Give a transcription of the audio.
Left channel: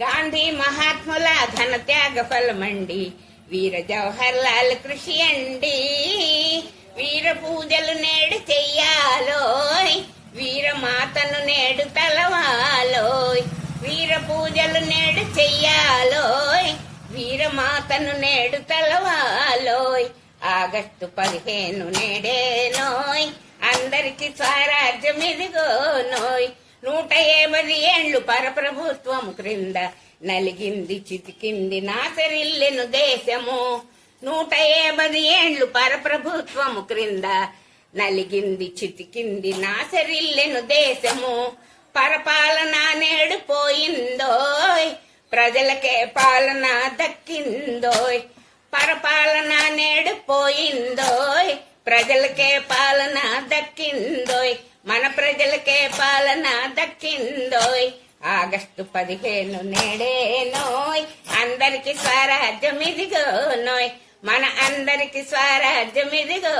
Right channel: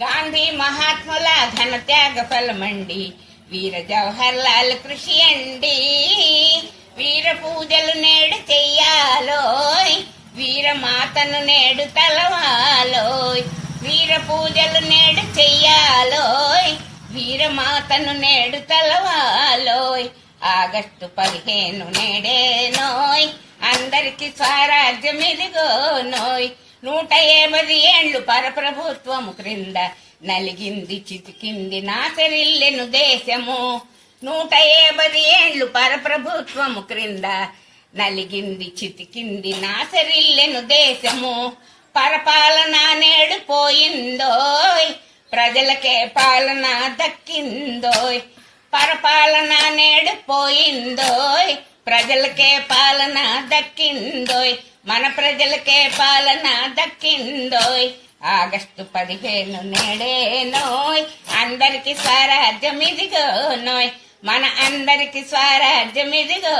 గాంధీ మహాత్ముల ఘన త్యాగ ఫలమండి, వీర జవహర్ లాల్ కృషి అండి. వీర పూజలు నేడు చెయ్యాలోయ్, వీరమాతను నేడు తలవాలోయ్. వీర పూజలు నేడు చెయ్యాలోయ్, వీరమాతను నేడు తలవాలోయ్. ఆగస్టు 15 నేడేనోయ్, అందరికి స్వరాజ్యం ఇదిగోనోయ్. 150 ఏళ్లు పరప్రభుత్వము క్రింద నలిగింది చితికింది నాశరిల్లెను దేశము. 150 ఏళ్లు పరప్రభుత్వము క్రింద నలిగింది చితికింది నాశరిల్లెను దేశము. పరపాలన నేడు పోయిందోయ్, ప్రజలకే పాలన దక్కిందోయ్. పరపాలన నేడు పోయిందోయ్, ప్రజలకే పాలన దక్కిందోయ్. మన ప్రజలకే పాలన దక్కిందోయ్. ఆగస్టు 15 నేడేనోయ్, అందరికి స్వరాజ్యం ఇదిగోనోయ్. మన అందరికి స్వరాజ్యం ఇదిగో.